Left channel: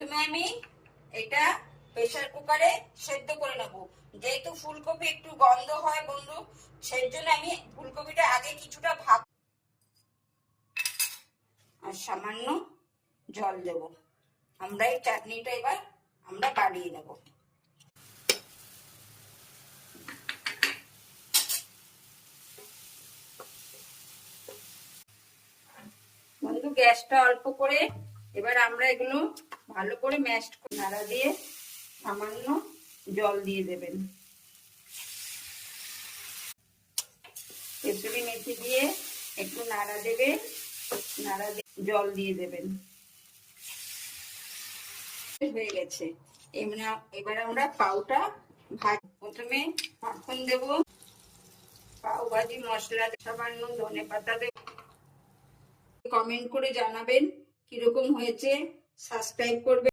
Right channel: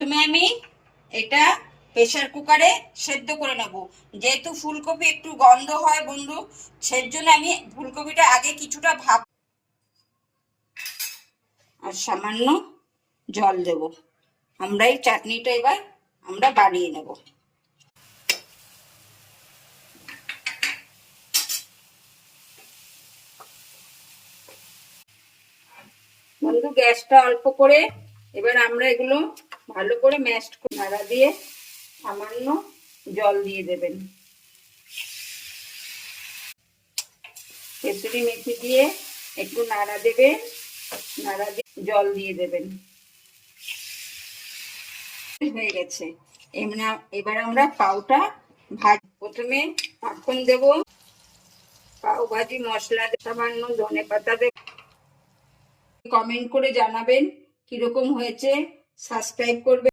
তুমি আমি এটা প্রেসার কুকারে সেদ্ধ করে নেব। যেহেতু ফুলকপি একটু গন্ধ হয় বন্ধু, সেই জন্য আমি ফুলকপিটা আগে কিছুটা ভাপ আর সামান্য জল দেব। আমরা এই চাটনিটা এবার আমরা বানিয়ে নেব। বন্ধু গ্যাসটা অল্প করে এবার আমরা এগুলো ভালো করে ম্যাশ করে নাড়া দিয়ে সামান্য জল দিয়ে দেবেন। কেসুরি মেথি দিয়ে একটু নাড়া দেবেন, নাড়া দিয়ে জল দিয়ে দেবেন। হয়ে গেছে। এবার আমরা পাউটা প্রথমে মাখন দেব, পাও ভাজি মশলা সামান্য ধনে পাতা দেব। কমেন্ট করে জানাবেন কিরকম হয়েছে, সাবস্ক্রাইব করবেন।